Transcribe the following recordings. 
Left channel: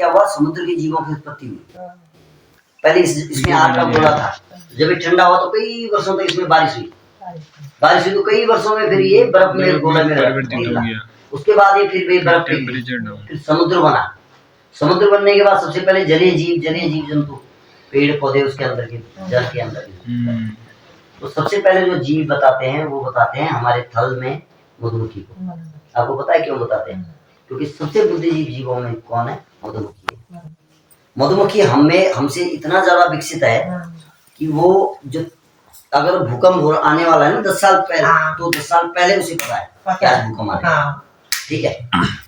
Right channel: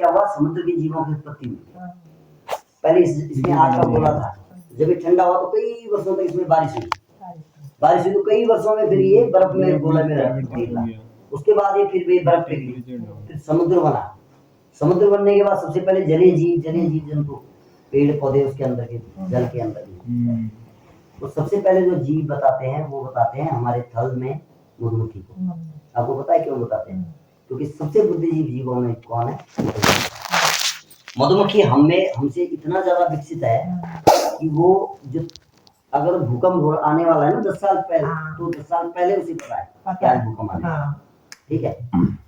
क्या हुआ, समुद्र के जीवों की उत्पत्ति हुई। पहले इसमें आग का गोला था, जब ये ठंडा हुआ तो कई वर्षों तक इसमें बारिश हुई तो कई वर्षों में फिर ये बर्फ में गोले में निकला। उसके बाद ये फिर बर्फ फिर समुद्र बना। समुद्र बनने के बाद सबसे पहले जलीय जीव जंतु, पेड़ पौधे उसके अंदर के जल के अंदर। तो सबसे पहले जो जीव बताते हैं वो बताते हैं हमारे थल में मधुमक्खी को। आपको पता है क्यों बताते हैं? क्योंकि सबसे बुद्धिजीवी जीवों में कौन है? मधुमक्खी हमसे इतना ज्यादा विकसित है कि वो जो अगर भूकंप आने वाला है ना 10 साल पहले, तो 10 साल पहले उसे पता है क्या भूकंप आने वाला है। ठीक है,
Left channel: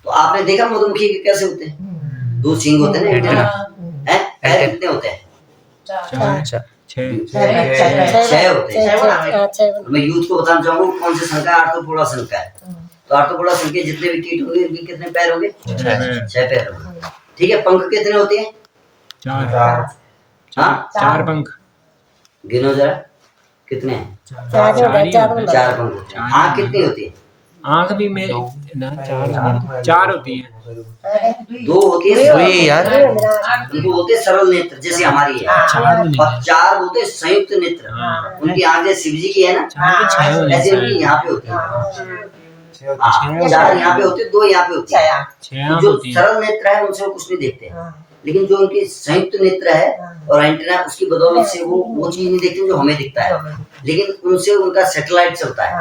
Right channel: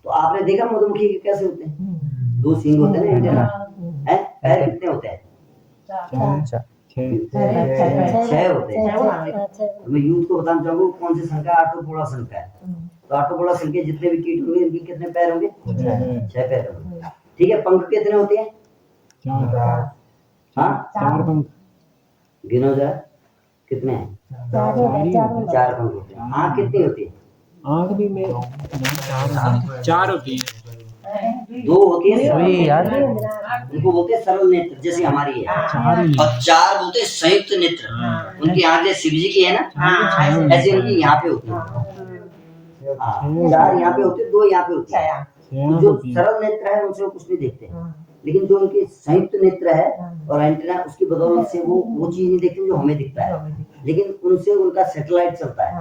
तो आपने देखा मधुमक्खी के कैसे होते हैं? 2 सींग होते हैं ना, पैर कितने होते हैं? 6 होते हैं। मैं यूथ को बताना चाहूंगा कौन से संख्या आर्थ्रोपोडा संख्या है। तो आर्थ्रोपोडा संख्या जितने भी कीट होंगे इनके कितने पैर होंगे? 6 पैर होंगे। ठीक है, पंख कितने होते हैं? 4 पंख। गिनो जरा कितने हैं? 4 पंख। आँख कितनी होती है? आँख भी में 4 होती है। 2 होती है यार, उनको बोलते हैं सरल नेत्र, जैसे हमारी है। और 4 बोलते हैं संयुक्त नेत्र। उनकी आँख जैसे शिव जी की है ना, ऐसे उनकी यहाँ पे होती है। 4 यहाँ पे होते हैं, 2 यहाँ पे होती है। जो सरल नेत्र है उनसे कुछ नहीं देखते, लेकिन जो उनकी संयुक्त नेत्र है और एंटीना, उसकी बदौलत से वो चीज नहीं देखते जो हमें दिखता है, लेकिन उनसे उनका सैटेलाइट चलता है।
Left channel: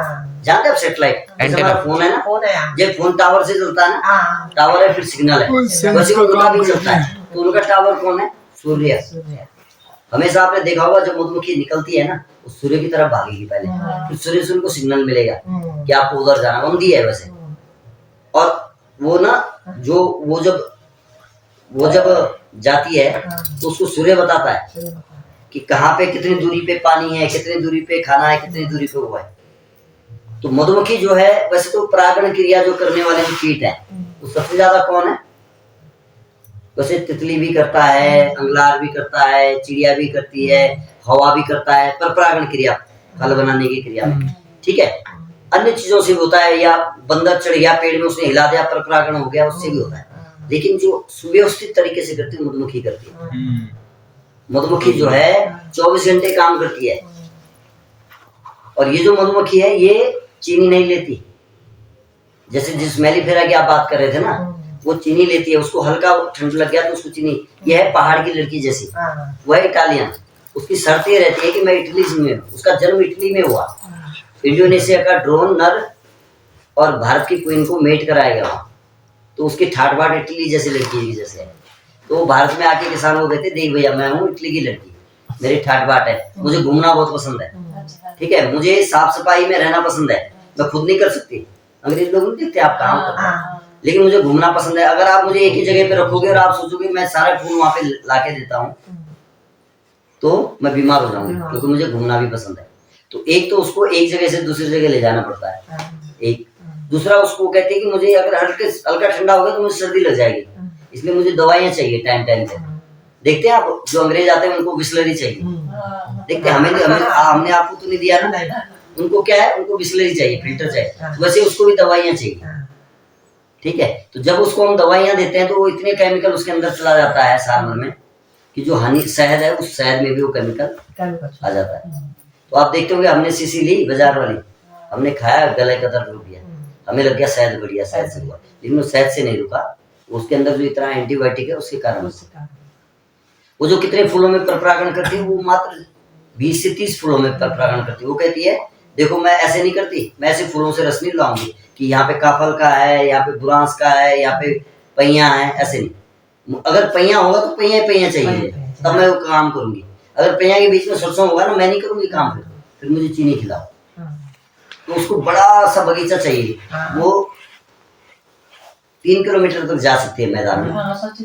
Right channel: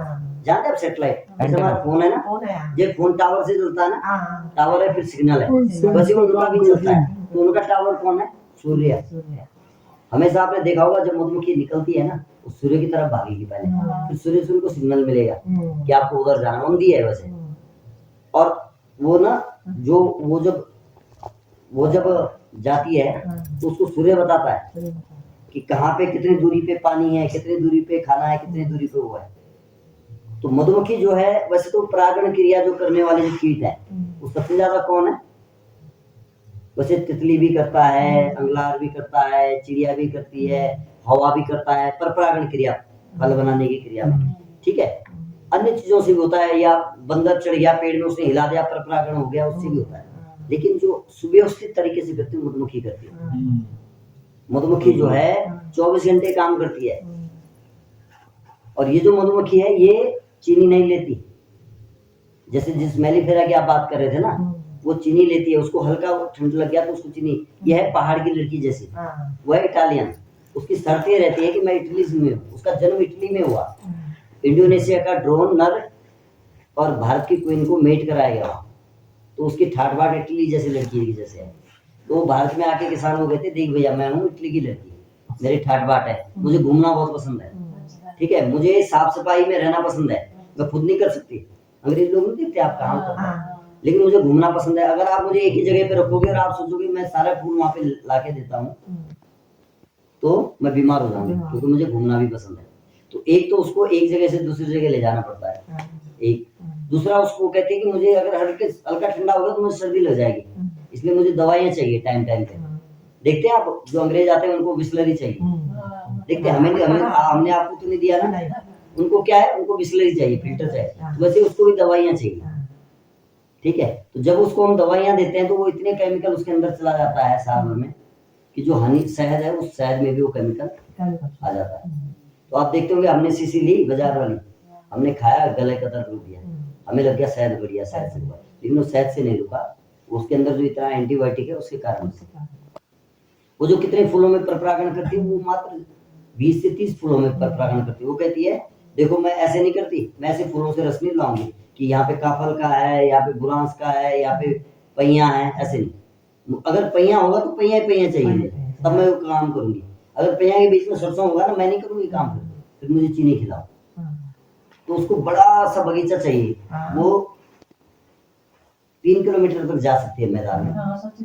जानते हैं आप सैटेलाइट? हमारा फोन है ना, जब फोन टावर से चलता है ना, टावर है फिर सिग्नल है, वैसे उनका भी चलता है। तो उनका टावर कौन है? सूर्य। हमेशा आपने देखा होगा जब मधुमक्खी निकलती है ना, वो सूर्य की तरफ भागेगी पहले, फिर सूर्य से उनको सिग्नल मिलेगा कि आपको उधर जाना, बंदी है वैसे। और वो ना वो जब जाती है तो उसको सूर्य बताता है कि कहाँ पे कितनी दूरी पे पानी है, कितनी दूरी पे खाना है, कितनी दूरी पे वो है। तो मधुमक्खी जो है, वैसे तो परागण क्रिया जो करने वाले जो कीट है वो सबसे ज्यादा कौन है? वैसे तितली भी करता है, अंगलार भी करता है, चिड़िया भी करती है, हवा भी करता है, पर परागण क्रिया, फल बनाने की क्रिया में। ठीक है, अन्य चीजों से भी होता है, या बंदर चढ़ गया पेड़ में, उसने हिला दिया, पर परागण हो गया, उससे भी होता है। लेकिन जो सुव्यवस्थित तरीके से करती है मधुमक्खी करती है। मधुमक्खी जो है 24 घंटे काम करती है। और ये जो मधुमक्खी है ये चीनी नहीं लेती। जैसे जिस मेलिफेरा की आप बात कर रहे थे ना, वो चीनी लेती है, उसको हल्का ठंड लग गया तो उसको चीनी। ये है पहाड़ की लड़की जैसी, वो है इटालियन। उसकी शर्त ये रहती है कि मैं इटली में हूँ, उसका जन्म इटली में हुआ। इंडोनेशिया का ड्रोन नर और भारत की क्वीन को मेट कराया गया वहाँ, तो उसकी ठाट बाट इटली जैसी लड़की की जैसे है। तो भारत में आके किसान हो गए थे, देख भैया मैं हूँ इटली की लड़की, मेरी ठाट बाट है, मुझे घूमना बहुत पसंद है। ठीक है, मुझे साफ सफाई में रहना पसंद है, मैं खुद नहीं कर सकती। अंग्रेज लोग नहीं देखते आप काम करते हैं, लेकिन मुझे घूमना पसंद है। अगर आप मुझे एक ही जगह पे रखोगे और आप सोचोगे मैं सारा फूल वहां पे लाके देता हूँ, तो मैं बीमार हो जाऊंगी, क्योंकि मुझे घूमना भी पसंद है। तो एक तो उसको एक जगह से दूसरी जगह ले जाना पड़ता है, एक। दूसरा उसको कहते हैं कि मुझे अगर हल्का ठंडा होगा तो मुझे सर्दी लग जाएगी, इसलिए मुझे दवाइयाँ चाहिए टाइम टाइम पे। देखते हैं आप, जो अंग्रेज आते हैं उनको बिस्लरी चाहिए। देखते हैं हमने आपको तो नहीं दिया ना, उनको क्या है, उनको बिस्लरी चाहिए, फिल्टर चाहिए, वैसे उसको भी दवाइयाँ चाहिए। ठीक है, तो जब उसको हम दवाइयाँ देते हैं तो वो इतने केमिकल उसके अंदर चला जाता है सारमल में कि जो हानि शहद है उस शहद में भी वो केमिकल आ जाता है। तो आप देखते होंगे हमने शीशी ली बाजार वाली, हमने खाया, गले का दर्द रुक गया, हमें लग गया शहद बढ़िया, शहद से हुआ, लेकिन वो शहद से नहीं रुका, उसके अंदर जो इतना एंटीबायोटिक है उसके कारण। वो जो कितने फूलों में परपरागण करती है, वो मात्र 20 से 30 फूलों में परपरागण करती है। वो कहती है देखो मैं ऐसे नहीं करती, मैं ऐसे फूलों से रस नहीं लाऊंगी कि यहाँ पे काफल का है, यहाँ पे बुरांस का है, यहाँ पे पहिया है, ऐसे नहीं। अगर पहिया होगा तो पहिया चाहिए, तब मैं वो काम करूंगी। अगर पहिया के बीच में सरसों होगा ना, मैं नहीं करूंगी काम, फिर मुझे चीनी खिलाओ। तो उसको बड़ा सा बगीचा चाहिए, वो 3 किलोमीटर तक जा सकती है मैदान में,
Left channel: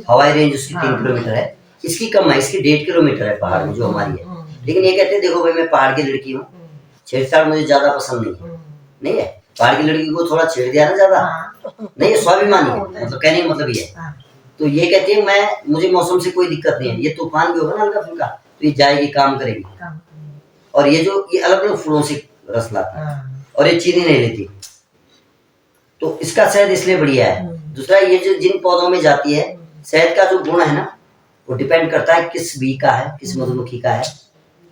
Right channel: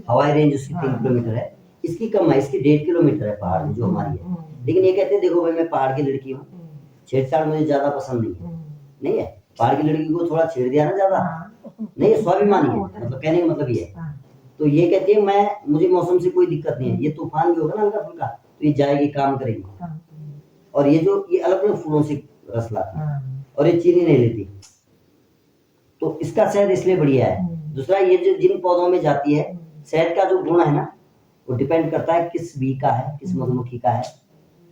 हवाई रेंज उसकी 3 किलोमीटर है, इसकी कम है, इसकी 1.5 किलोमीटर है पहाड़ में जो हमारी है। लेकिन ये कहते हैं देखो भाई मैं पहाड़ की लड़की हूँ, छेड़छाड़ मुझे ज्यादा पसंद नहीं है। पहाड़ की लड़की को थोड़ा छेड़ दिया ना ज्यादा, नहीं, ये स्वाभिमानी है, मतलब कहने का मतलब ये है। तो ये कहती है मुझे मौसम से कोई दिक्कत नहीं है, ये तूफान भी होगा ना हल्का फुल्का तो ये जाएगी, काम करेगी। और ये अलग अलग फूलों से रस लाती है और ये चीनी नहीं लेती, तो इसका शहद इसलिए बढ़िया है। दूसरा ये जो जिन पौधों में जाती है शहद का जो गुण है ना, वो डिपेंड करता है किस बी का है, किस मधुमक्खी का है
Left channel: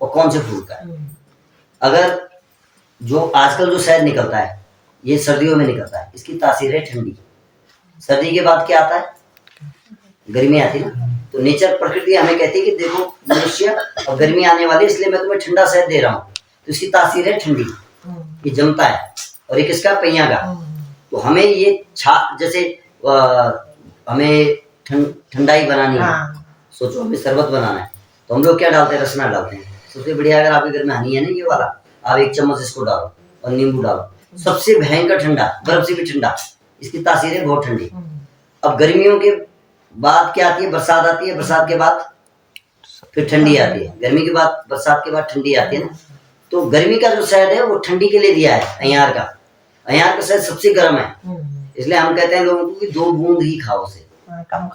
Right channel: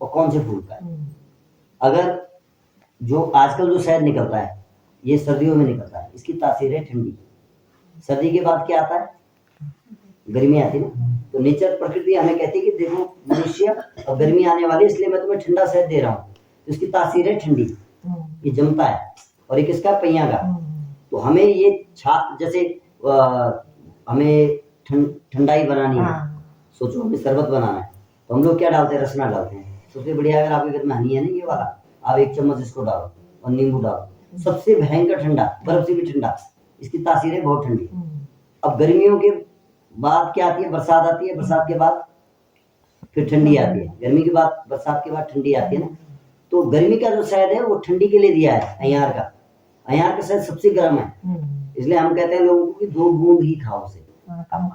और कौन से फूल का है। अगर जो आजकल जो शहद निकलता है ये सर्दियों में निकलता है, इसकी तासीर है ठंडी। सर्दी के बाद क्या आता है? गर्मी आती है ना। तो नेचर, प्रकृति हमें कहती है कि देखो मनुष्य, और गर्मी आने वाली है इसलिए मैं तुम्हें ठंडा शहद दे रहा हूँ। तो इसकी तासीर है ठंडी, ये जमता है। और एक इसका पहिया का, तो हमें ये जैसे हमें ठंडाई बनानी है, सोचो हमें शरबत बनाना है, तो हम लोग क्या डालते हैं? रसना डालते हैं। सबसे बढ़िया, अगर आपके घर में हनी है ना ये वाला, आप 1 चम्मच इसको डालो और नींबू डालो। सबसे भयंकर ठंडा, बर्फ से भी ठंडा, इसकी तासीर है बहुत ठंडी। अब गर्मियों के बाद क्या आती है? बरसात आती है। बरसात के बाद फिर ठंडी आती है। गर्मी के बाद, बरसात के बाद ठंडी आती है ना। तो गर्मी का जो शहद है वो ठंडी के लिए दिया है। अयार का शहद सबसे गर्म है, इसलिए हम कहते हैं लोगों को कि 2 बूंद ही खाओ उसे, कम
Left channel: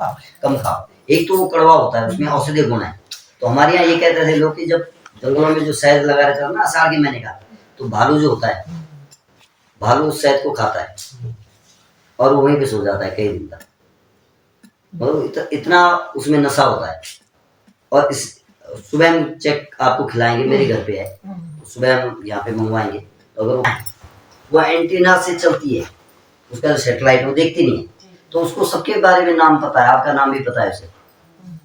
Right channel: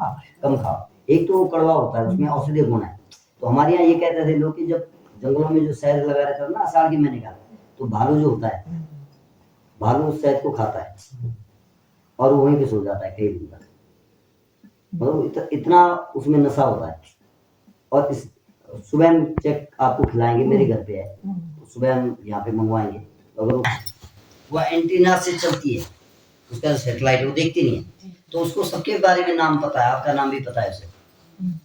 खाओ। एक तो वो कड़वा होता है, उसमें औषधीय गुण है। तो हमारे यहाँ ये कहते थे लोग कि जब जंगलों में जो शहद लगा रहता है ना आषाढ़ के महीने का, तो भालू जो होता है, भालू उस शहद को खाता है और वो वहीं पे सो जाता है कई दिन तक। मतलब इतना उसमें नशा होता है। और इस सुबह हम चेक आपको खिलाएंगे, मेरे घर पे है, सुबह हम यहाँ पे मंगवाएंगे। तो अगर वो एंटीना से चलती है, उसका सैटेलाइट, वो देखती नहीं है, तो उसको सबके बारे में नाम पता है। आपका नाम भी पता है उसे,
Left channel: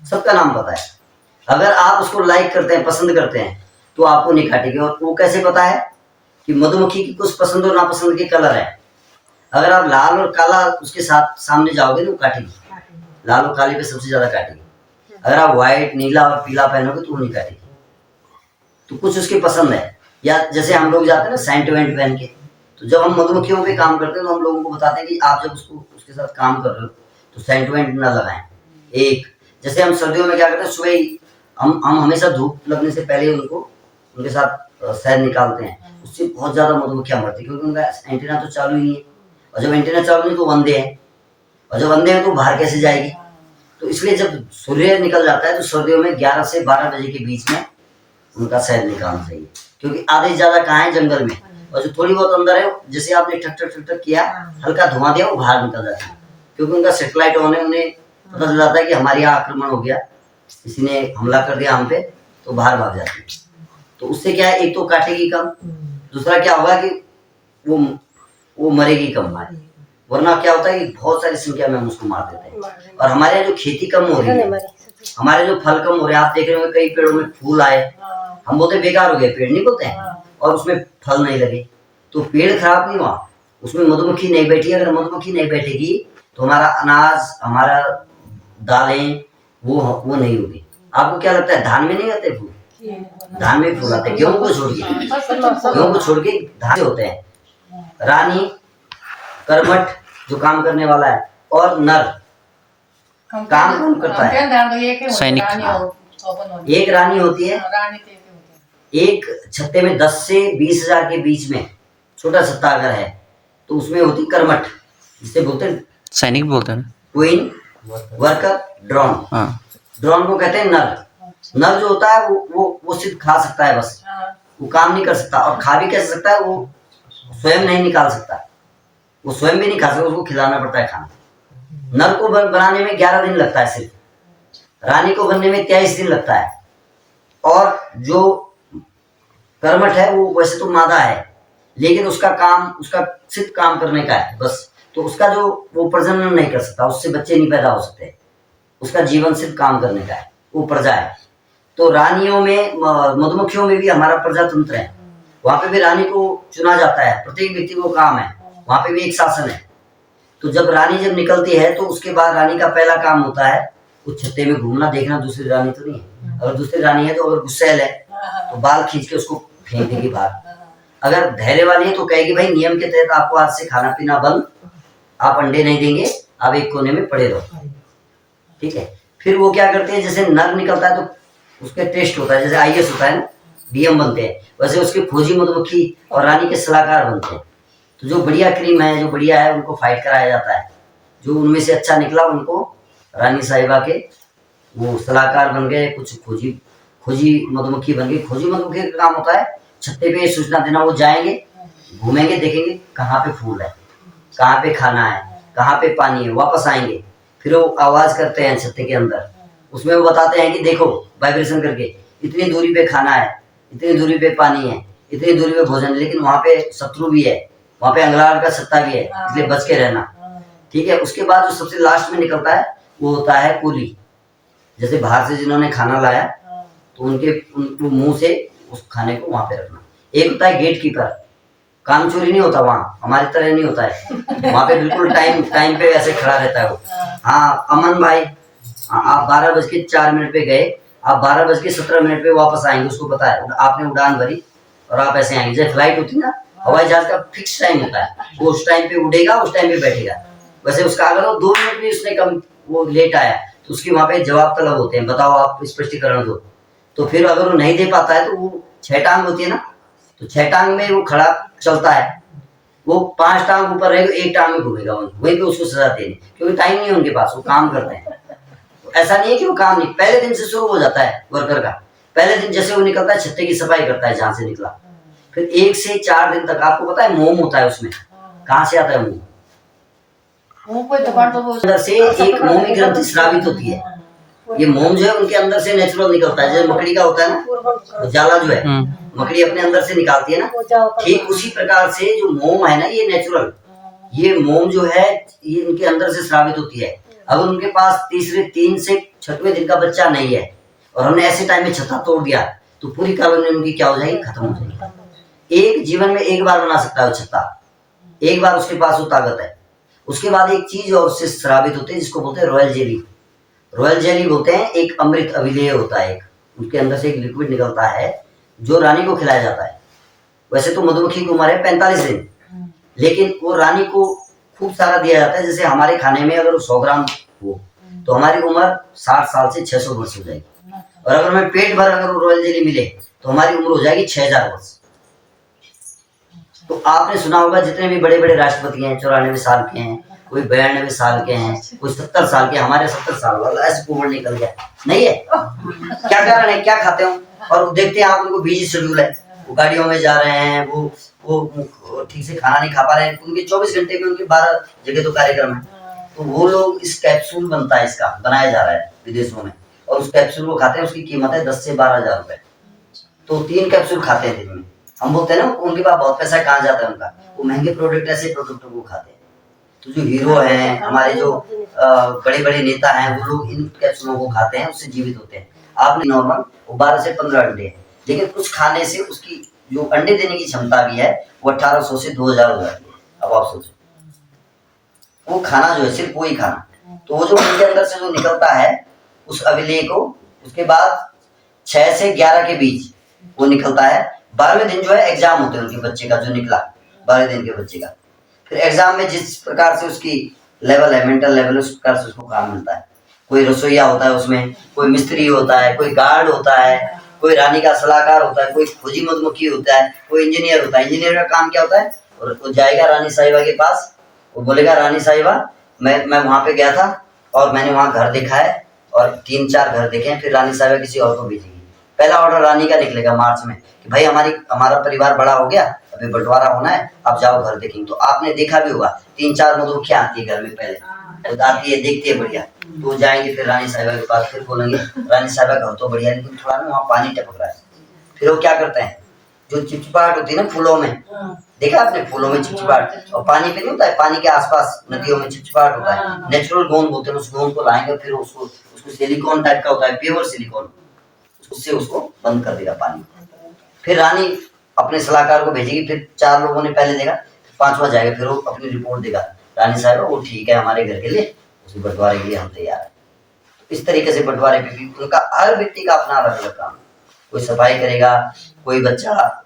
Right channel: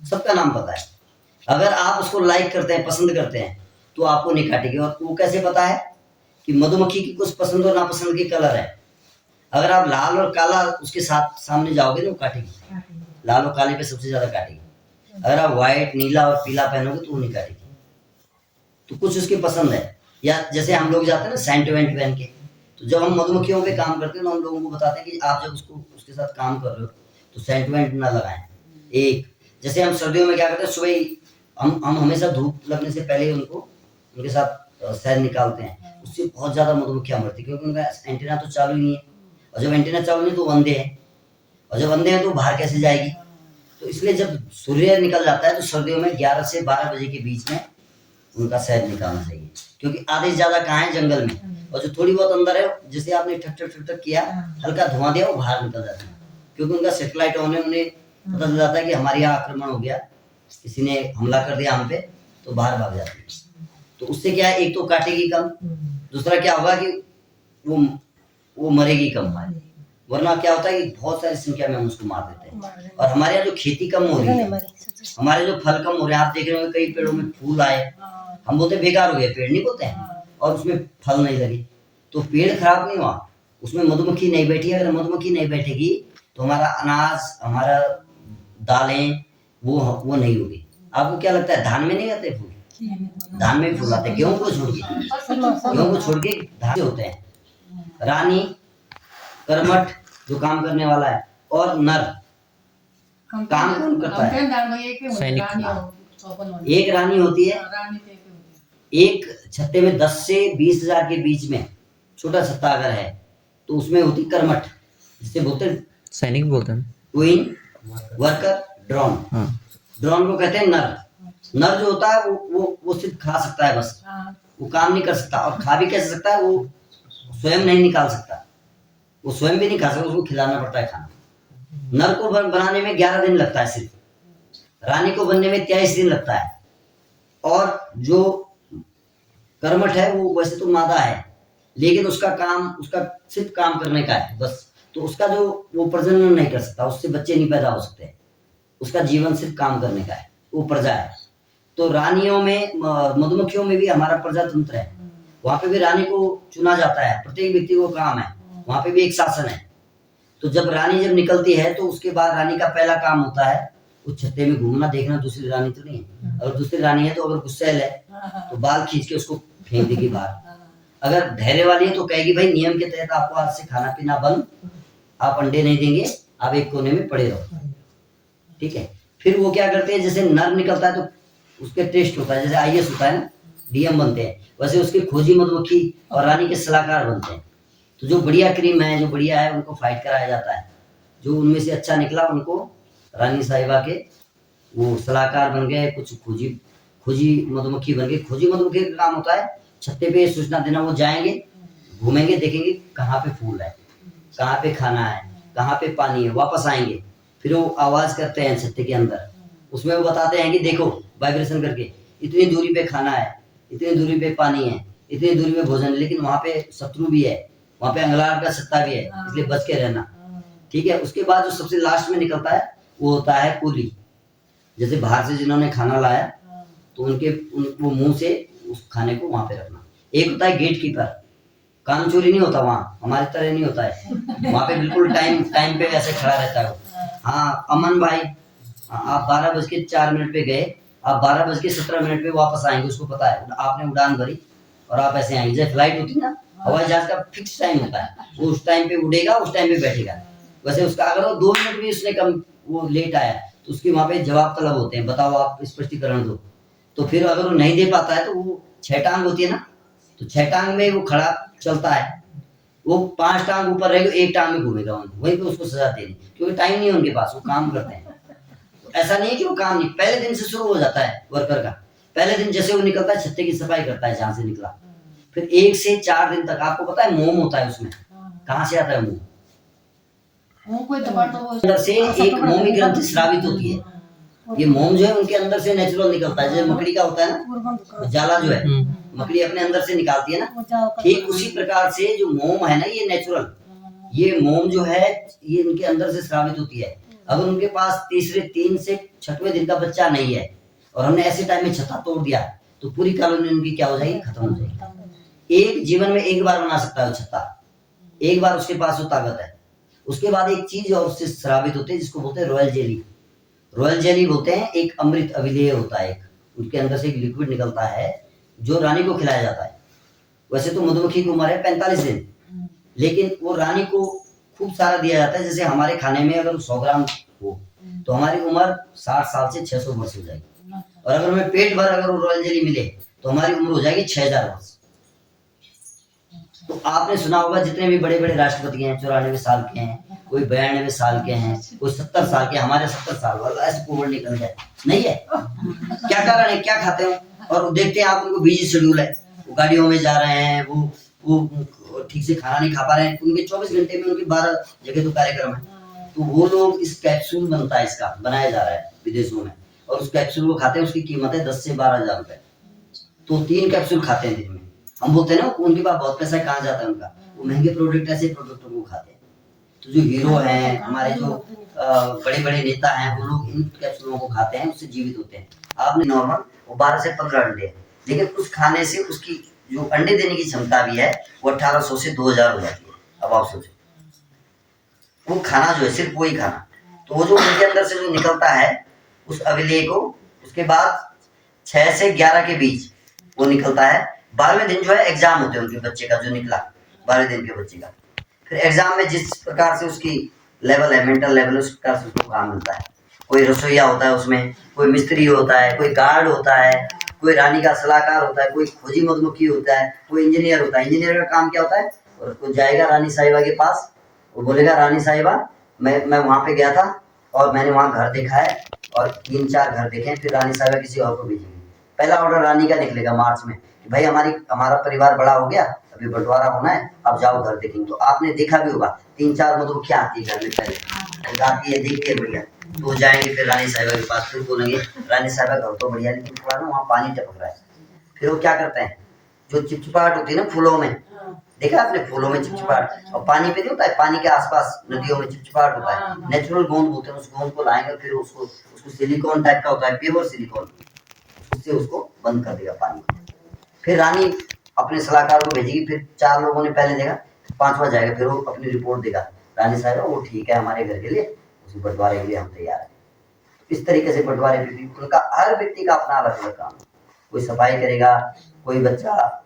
सबका नाम पता है। अगर आप उसको लाइक करते हैं, पसंद करते हैं, तो आपको नहीं काटेगी। और वो कैसे पता है? कि मधुमक्खी की कुछ पसंद और नापसंद के कलर है। अगर आप लाल और काला उसके साथ सामने जाओगे तो वो काटेगी, लाल और काले पे सबसे ज्यादा काटेगी। अगर आप व्हाइट, नीला और पीला पहनोगे तो वो नहीं काटेगी। तो कुछ उसके पसंद है। या जैसे हम लोग जाते हैं ना सेंट वेंट पहन के, तो जब हम मधुमक्खियों पे काम करते हैं तो हम लोगों को बताते हैं कि आप जब उसके साथ काम कर रहे हो तो सेंट वेंट ना लगाएं। एक जैसे हम सर्दियों में क्या करते हैं, सुबह ही हम हमेशा धूप लगने से पहले उनके साथ शहद निकालते हैं। उससे बहुत ज्यादा मधुमक्खियां मरती है, क्योंकि उनका एंटीना तो चालू ही नहीं है। और जब एंटीना चालू नहीं तो अंधे हैं, और जब अंधे हैं तो बाहर कैसे जाएगी? तो इसलिए जब सूर्य निकल जाता है तो सर्दियों में 11 से 12 बजे के बीच में उनका शहद निकालना चाहिए, क्योंकि आधे से ज्यादा कहाँ है? जंगल में। और जो थोड़ी बहुत अंदर है, जैसे आपने ठक ठक ठक ठक किया, हल्का धुआं दिया, वो बाहर निकल जाता है, क्योंकि उनका सैटेलाइट ऑन है। उन्हें पता चल जाता है कि हमारे यहाँ आक्रमण हो गया, किसी ने हमला कर दिया हम पे, तो बाहर भाग जाती है। तो उससे क्या है? एक तो काटेगी कम, दूसरा क्या होगा कि वो मरेगी कम। वरना क्या होता है कि बहुत सारी संख्या में हम उसको मार देते हैं। और हमारे यहाँ जो खेती कम हो रही है, हमारे जो फल कम हो रहे हैं, आप देख रहे हो कई पेड़ों में फूल आए, हम बोलते बेकार हो गए पेड़, नहीं बोलते हैं, और उसमें फल नहीं लगे। तो पेड़ खराब नहीं हुआ, उसमें मधुमक्खी नहीं बैठी। अगर मधुमक्खी नहीं बैठेगी तो हमारा अनाज, हमारा दालें वो नहीं होगी। आपको क्या लगता है धान में नहीं आते फूल? धान में भी फूल आते हैं, गेहूं को छोड़ के धान होते हैं। रानी, करमट जो काम करने वाला है, और नर काम कौन करता है? सैनिक। एक रानी होती है, एक छत्ते में 10 से 20 हजार के बीच में छोटा छत्ता अगर है तो उसमें होती करमट, जिसे बोलते हैं सैनिक बोलते हैं ना, क्वीन, वर्कर, ड्रोन। ड्रोन को कहते हैं नर। नर जो होता है वो सिर्फ खा सकता है, बस वो काम नहीं कर सकता। और खा भी कैसे सकता है? वो स्वयं नहीं निकाल सकता, वो स्वयं भी नहीं खा सकता, उसको खिलाना पड़ता है खाना। नर को बनाने में 11 दिन लगता है सिर्फ, रानी को बनने में 23 दिन लगता है। और जो कर्मठ है वो वैसे तो मादा है, लेकिन उसका सिर्फ काम करने का है बस। तो उसका जो वो प्रजनन नहीं कर सकता, उससे बच्चे नहीं पैदा हो सकते, उसका जीवन सिर्फ काम करने का है, वो प्रजा है। तो रानियों में, मधुमक्खियों में भी हमारा प्रजातंत्र है, वहां पे भी रानी को चुना जाता है, प्रत्येक व्यक्ति को काम है, वहां पे भी एक शासन है। तो जब रानी निकलती है तो उसके बाद रानी का पहला काम होता है उस छत्ते में घूमना, देखना दूसरी रानी तो नहीं है। अगर दूसरी रानी है तो अगर गुस्सैल है तो बाल खींच के उसको फेंक देगी बाहर। अगर धैर्य वाली है तो कहेगी भाई नियम के तहत आपको आज से खाना पीना बंद, आप अंडे नहीं देंगे, आप एक कोने में पड़े रहो, ठीक है। फिर वो क्या करते हैं, जैसे नर निकलता है तो उसके टेस्ट होता है, जैसे IAS होता है ना, DM बनते हैं, वैसे उसके खोजी मधुमक्खी और रानी के सलाहकार बनते हैं। तो जो बढ़िया क्रीम है, जो बढ़िया है, उनको फाइट कराया जाता है। जो उनमें से अच्छा निकला उनको रानी साहिबा के वो सलाहकार बन गए, कुछ खोजी मधुमक्खी बन गई। खोजी मधुमक्खी का काम होता है छत्ते पे सूचना देना, वो जाएंगे, घूमेंगे, देखेंगे कहाँ पे फूल है, कहाँ पे खाना है, कहाँ पे पानी है, वापस आएंगे, फिर वो आवाज करते हैं छत्ते के अंदर, उसमें वो बताते हैं कि देखो वाइब्रेशन करके इतनी दूरी पे खाना है, इतनी दूरी पे पानी है, इतनी दूरी पे भोजन, लेकिन वहां पे शत्रु भी है, वहां पे अंगलार का सत्ता भी है, इसलिए बच के रहना। ठीक है। उसके बाद जो सबसे लास्ट में निकलता है वो होता है कूली। जैसे बाहर से जिन्होंने खाना लाया तो वो मुंह से उस खाने को वहां पे रखना। एक होता है गेट कीपर, काम चोरी नहीं होता वहाँ, हमारी तरह नहीं होता है, वहाँ पे बिल्कुल टाइम पे ऐसे खड़ा रहता है वो। हाँ अमन भाई, आप 12:04 पे गए, आप 12:17 पे वापस आएंगे, उसको पता है, आपने उड़ान भरी और आप ऐसे आएंगे। जैसे फ्लाइट होती ना, हवाई जहाज का फिक्स टाइम होता है, वो उस टाइम पे उड़ेगा, उस टाइम पे बैठेगा। वैसे उसका अगर वो 2 मिनट भी उसने कम वो लेट आया तो उसकी वहां पे जवाब तलब होते हैं, बताओ आप स्पष्टीकरण दो। तो फिर अगर वो नहीं दे पाता है तो वो 6 टांग होती है ना, तो 6 टांग में वो खड़ा चलता है, वो 5 टांग ऊपर रहेगा, 1 टांग में घूमेगा, वहीं पे उसको सजा देनी, क्योंकि टाइम नहीं है उनके पास, वो काम करते हैं। तो ऐसा नहीं है कि वो काम नहीं, पहले दिन से शुरू हो जाता है वर्कर का। पहले दिन जैसे वो निकलता है छत्ते की सफाई करता है जहां से निकला, फिर 1 से 4 दिन तक आपको पता है मोम होता है उसमें, कहाँ से आता है मोम? अंदर से एक मोमी ग्रंथि स्रावित होती है, ये मोम जो है उनके अंदर से नेचुरल निकलता है, जैसे मकड़ी का होता है ना जाला जो है, मकड़ी अपने अंदर से निकालती है ना, ठीक उसी प्रकार से जो मोम है ना ये नेचुरल, ये मोम जो है ये उनके अंदर से स्रावित होती है। अगर उनके पास 3 से 6वें दिन का बच्चा नहीं है और हमने ऐसे टाइम में छत्ता तोड़ दिया तो पूरी कॉलोनी उनकी क्या हो जाएगी, खत्म हो जाएगी। एक जीवन में एक बार बना सकता है वो छत्ता, एक बार उसके पास वो ताकत है। उसके बाद एक चीज और उससे स्रावित होती है जिसको बोलते हैं रॉयल जेली। रॉयल जेली बोलते हैं, एक अमृत अभिलेय होता है, एक उनके अंदर से एक लिक्विड निकलता है जो रानी को खिलाया जाता है। वैसे तो मधुमक्खी की उम्र है 45 दिन, लेकिन वो रानी को खूब सारा दिया जाता है। जैसे हमारे खाने में अगर 100 ग्राम हो तो हमारी उम्र 60 साल से 600 वर्ष हो जाएगी, और अगर हमें पेट भर अगर रॉयल जेली मिले तो हमारी उम्र हो जाएगी 6000 वर्ष। तो आपने सुना होगा जितने भी बड़े बड़े राष्ट्रपति हैं 94 साल के हैं, कोई 92 साल के हैं, कोई 70 साल के, हमारे 70 साल वाला ऐसे उम्र निकल गया नहीं है। क्या कारण है, क्या खाते हो? और देखते हैं आप उनको बिजी शेड्यूल है, वो गाड़ियों में जा रहे हैं, वो ठीक से खाना नहीं खा पा रहे हैं, उनके 24 घंटे में उनके 12 जगह तो कार्यक्रम है। तो वो लोग इस कैप्सूल बनता है, इसका बनाया जा रहा है विदेशों में, और उस कैप्सूल को खाते हैं, उसकी कीमत है 10 से 12 हजार रुपए। तो 3 कैप्सूल खाते हैं दिन में। हम बोलते हैं ना उनके पास बहुत पैसा कहाँ जाता है उनका, वो महंगे प्रोडक्ट ऐसे प्रोडक्टों को खाते हैं। तो जो हीरो हैं हमारे, जो बड़े बड़े नेता हैं, वो लोग इन कैप्सूलों को खाते हैं, उससे जीवित होते हैं। आपने नॉर्मल वो 12 से 15 अंडे हैं, लेकिन कुछ खाने से उसकी जो अंडे देने की क्षमता भी है वो 1800 से 2000 हो जाती है। अब आप सोचो वो खाना जो है सिर्फ वही खाना, तो वो जो उनके अंदर से जो निकलता है उस अविलेय को, उसके बाद 6 से 11 के बीच वो निकलता है। 12वें दिन जो है एग्जाम होते हैं उनके बच्चे का, जो निकला 12 दिन के बच्चे का, फिर एग्जाम में जिस प्रकार से उसकी लेवल है, मेंटल लेवल, उस प्रकार से उसको काम मिलता है। कोई रसोईया होता है उसमें, कोई मिस्त्री होता है, कोई गार्ड होता है, कोई रानी का सलाहकार होता है, कोई फौजी मधुमक्खी होता है, कोई इंजीनियर होता है। इंजीनियर का काम क्या होता है, और वो जाएगा रानी साहिबा के पास, वो बोलेगा रानी साहिबा मैं वहां पे गया था और मैंने वहां घर देखा है और 3-4 घर देखे हैं, फिर रानी साहिबा किसी और को भेजेगी। पहला ऑर्डर रानी का निकलेगा मार्च में कि भाई हमारा परिवार बड़ा हो गया, अभी बंटवारा होना है, आप जाओ घर देखेंगे। तो आपने देखा भी होगा 3-4 मधुमक्खियां आती है घर में, पहले आती है, देखती है बढ़िया, तो वो जाएंगे फिर रानी साहिबा के पास, फिर बोलेंगे रानी साहिबा घर तो बढ़िया है लेकिन थोड़ा ना वहाँ पानी टपक रहा है। फिर वो क्या करते हैं, जो चिपचिपाहट होती है ना फूलों में, देखा आपने फूलों में चिपचिपाहट, और पानी पे नहीं होता है, पानी के आसपास नदियों में चिपचिपाहट होता है, नेचुरल गोंद बोलते हैं, उस गोंद को लाएंगे, फिर उसको सिलिकॉन टाइप का होता है, प्योर सिलिकॉन, उससे उसको बंद कर देगा पानी। फिर रानी अपने सलाहकार को भेजेगी, फिर 4 लोगों ने पहले देखा, 5वां जाएगा, फिर वो अपनी रिपोर्ट देगा, रानी साहब वो ठीक है हमारे घर के लिए, उसे बंटवारे के लिए हम तैयार है। इस तरीके से बंटवारे पे भी उनका हर व्यक्ति का अपना अलग अलग काम है। कोई सफाई करेगा, कोई बच्चा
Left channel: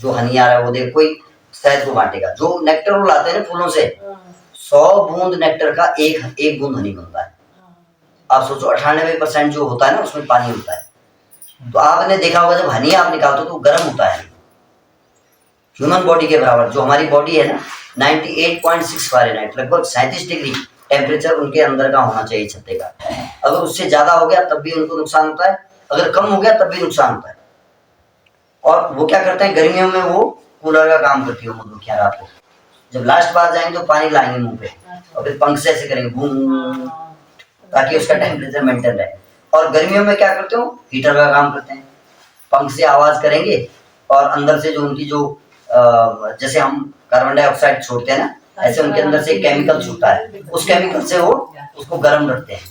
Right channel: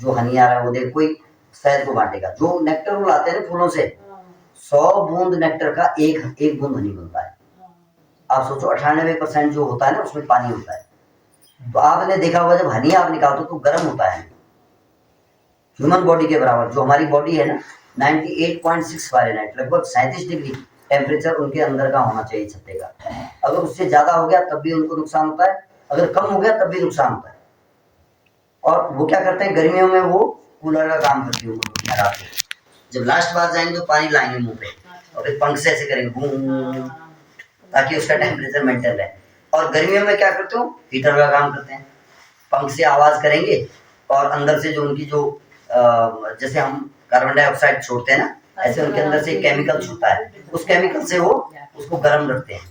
जो हनी आ रहा है वो देख, कोई शहद को बांटेगा, जो नेक्टर वो लाते हैं ना फूलों से, 100 बूंद नेक्टर का एक बूंद हनी बनता है। आप सोचो 98% जो होता है ना उसमें पानी होता है। तो आपने देखा होगा जब हनी आप निकालते हो तो गर्म होता है, ह्यूमन बॉडी के बराबर। जो हमारी बॉडी है ना 98.6 फ़ारेनहाइट, लगभग 37 डिग्री टेम्परेचर उनके अंदर का होना चाहिए छत्ते का। अगर उससे ज्यादा हो गया तब भी उनको नुकसान होता है, अगर कम हो गया तब भी नुकसान होता है। और वो क्या करते हैं गर्मियों में, वो कूलर का काम करती है मधुमक्खियां रात को, जब लास्ट बार जाएंगे तो पानी लाएंगे मुंह पे और फिर पंख से ऐसे करेंगे बूम, ताकि उसका टेम्परेचर मेंटेन रहे। और गर्मियों में क्या करते हो, हीटर का काम करते हैं, पंख से आवाज करेंगे और अंदर से जो उनकी जो जैसे हम कार्बन डाइऑक्साइड छोड़ते हैं ना, ऐसे उनके अंदर से केमिकल छूटता है, उस केमिकल से वो उसको गर्म रखते हैं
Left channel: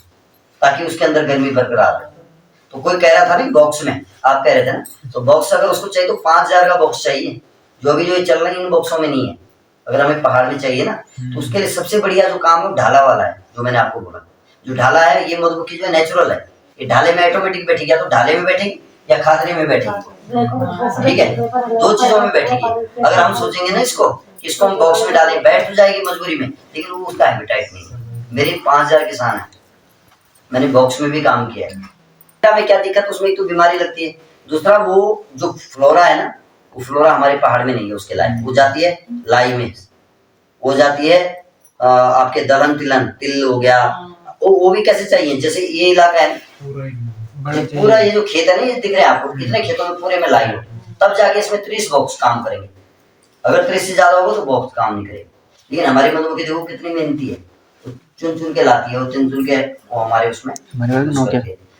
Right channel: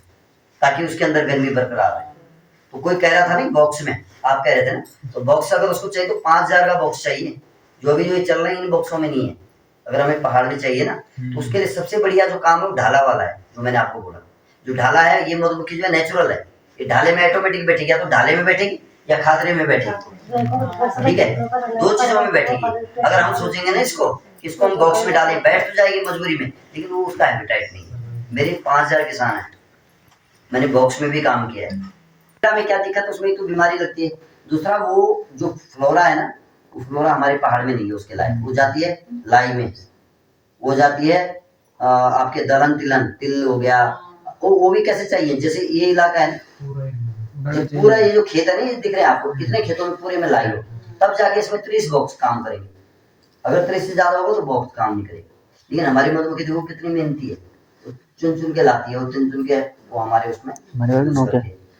ताकि उसके अंदर गर्मी बरकरार रहे। तो कोई कह रहा था नहीं बॉक्स में, आप कह रहे थे ना, तो बॉक्स अगर उसको चाहिए तो 5000 का बॉक्स चाहिए, जो अभी जो ये चल रहे हैं इन बॉक्सों में नहीं है। अगर हमें पहाड़ में चाहिए ना, तो उसके लिए सबसे बढ़िया जो काम है ढाला वाला है, जो मैंने आपको बोला। जो ढाला है, ये मधुमक्खी जो है नेचुरल है, ये ढाले में ऑटोमेटिक बैठेगी, या तो ढाले में बैठेगी या खादरे में बैठेगी, ठीक है, दो चीजों में बैठेगी। अगर हम सोचेंगे ना इसको हम बॉक्स में डालें, बैठ तो जाएगी मजबूरी में, लेकिन वो उसका हैबिटेट नहीं है। मेरी 5000 किसान है, मैंने बॉक्स में भी काम किया है, में क्या दिक्कत, उसमें तो बीमारी लगती है, दूसरा वो जो फ्लोरा है ना, वो फ्लोरा हमारे पहाड़ में नहीं है उसके लायक, वो जाती है लाई में, वो जाती है आपके दलहन तिलहन तिल हो गया, वो भी कैसे चाहिए, जैसे ये इलाका है पूरा ये जो खेत है ना, ये दिख रहे हैं आपको, कितने खेतों में पूरे में लाई हो, तब जाके इसमें 30 बॉक्स काम करेंगे। अगर 30 से ज्यादा होगा तो बॉक्स काम नहीं करेगी। लेकिन हमारी मधुमक्खी देखो कितनी मेहनती है, चुन चुन के लाती है, वो चुन चुन के वो हमारे उसमें।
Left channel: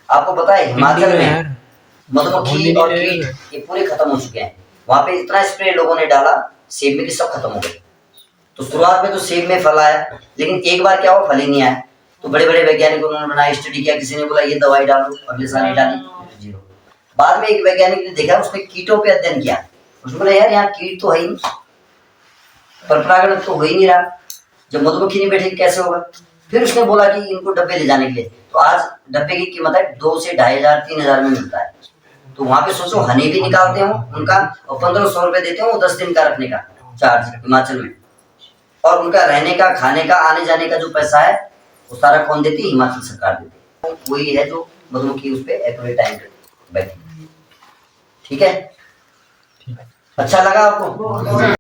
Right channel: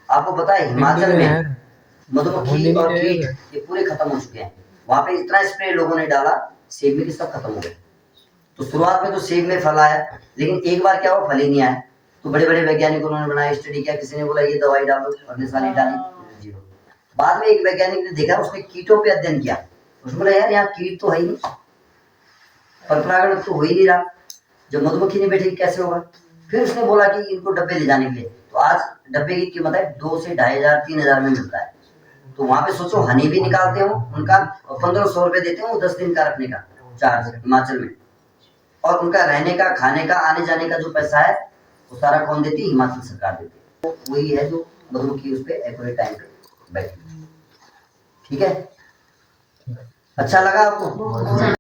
आपको पता है हिमाचल में मधुमक्खी और कीट ये पूरे खत्म हो चुके हैं, वहां पे इतना स्प्रे लोगों ने डाला सेब में कि सब खत्म हो गए। तो शुरुआत में तो सेब में फल आया, लेकिन एक बार क्या हुआ, फल ही नहीं आया। तो बड़े बड़े वैज्ञानिक उन्होंने बनाया, स्टडी किया, किसी ने बोला ये दवाई डालो, अगले साल ही डाली, जीरो। बाद में एक वैज्ञानिक ने देखा, उसने कीटों पे अध्ययन किया, उसने बोला यार यहाँ कीट तो है ही नहीं, पर परागण तो हो ही नहीं रहा, जब मधुमक्खी नहीं बैठेगी कैसे होगा। फिर उसने बोला कि इनको डब्बे ले जाने के लिए, तो आज डब्बे की कीमत है 2 से 2500 3000 में मिलता है। तो वहां पे सोचो हनी भी निकालते हो उनका, और 1500 रुपए देते हो 10 दिन का रखने का चार्ज हिमाचल में, और उनका रहने का, खाने का, आने जाने का जो पैसा है वो सारा कौन देती है, हिमाचल सरकार देती है। वही है जो मधुमक्खी उस पर एक्यूरेट टाइम पे बैठी। ठीक है, अच्छा लगा आपको?